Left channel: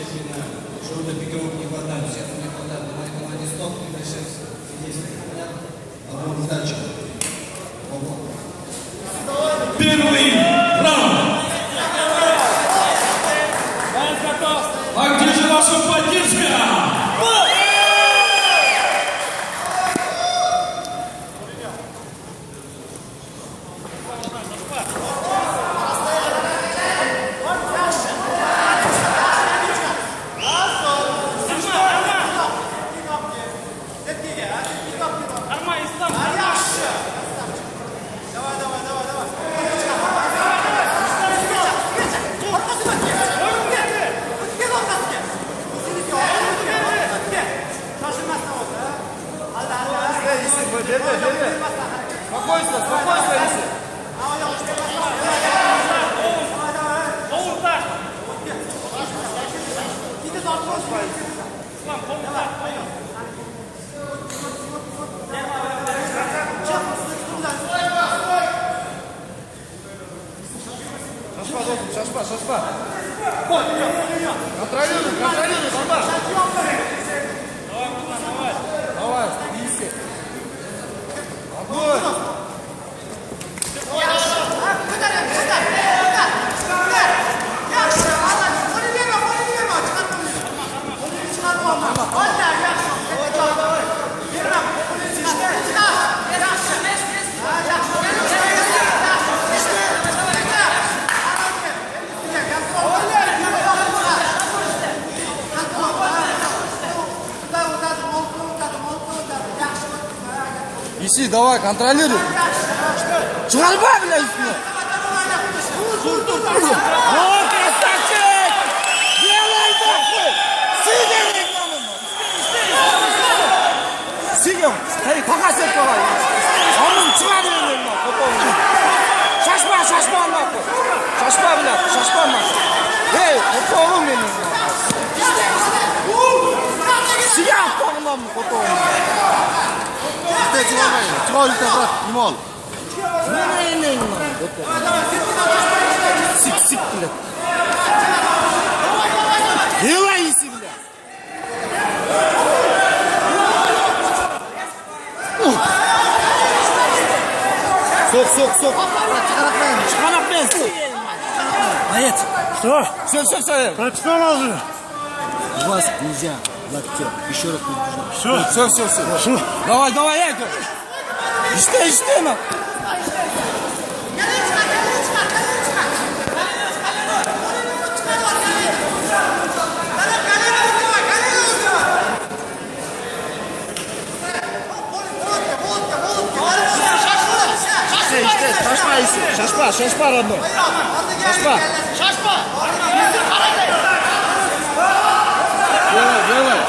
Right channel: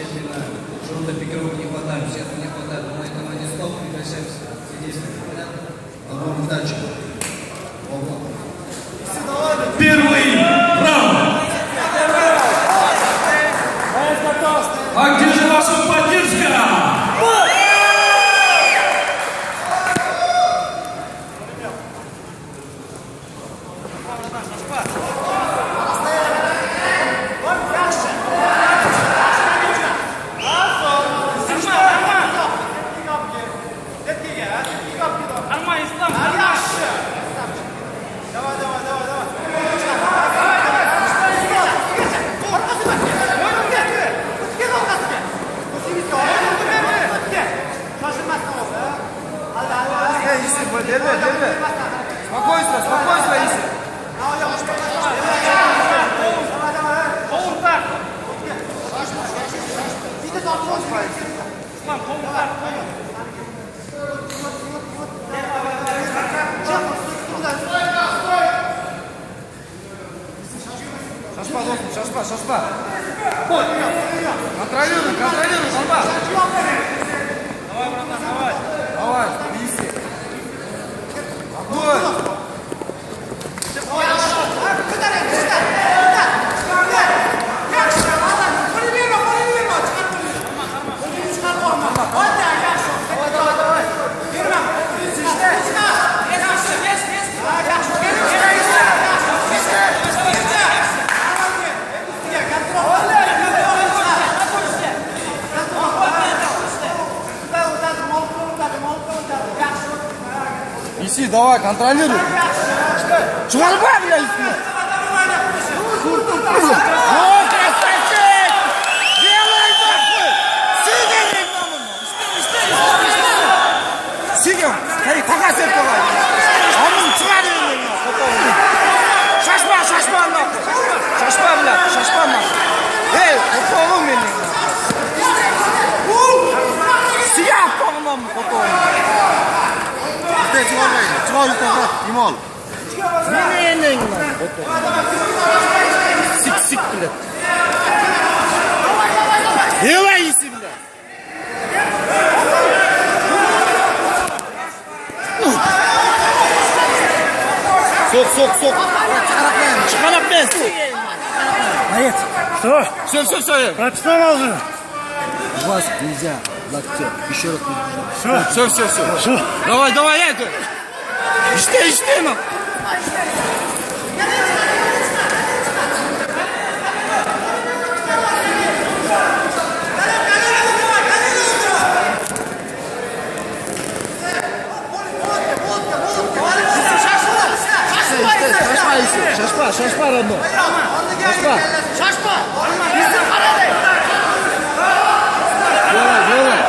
Действительно, желтых пикировок не хватает, всех не хватает. На моей команде стоп, прекращаем действия. Одному дальше. Первый раунд. А где же ваша поддержка? Шашпа. Контролируй, шашпа. Давай, иси. Иси, давай, контролируй. Чурба, блядь. О, красавчик! Делай нахуй! Сидим! Сидим! Hey, какая сетка? Он чурба, шашпа нахуй! Шашпа, блядь, шашпа нахуй! Эй, попал меня! Сияв полном попал! Имол. Сик-сик, блядь. Делай, иси, блядь. Сок. Чемодан, блядь. Боец. Что? Все. Прочитал уже? Вас нельзя, локтем. Еще раз предупреждаю. Все. Давай, это. İşte mi? Şaşpa Rabbi. Şaşpa. Давай.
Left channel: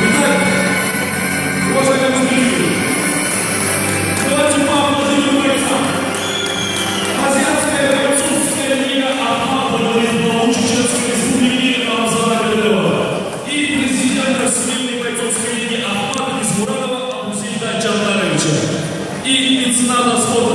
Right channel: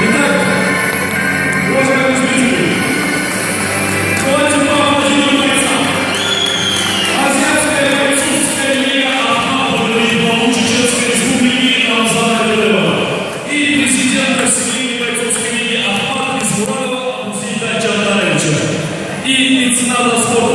Итак, уважаемые зрители, давайте поаплодируем бойцам. Азиатская бойцовская лига Ахматова Чеченской Республики Рамзана Беляева и президента Всемирной бойцовской лиги Ахмат Бисмурадова Абусейда Джандаровича и мецената спорта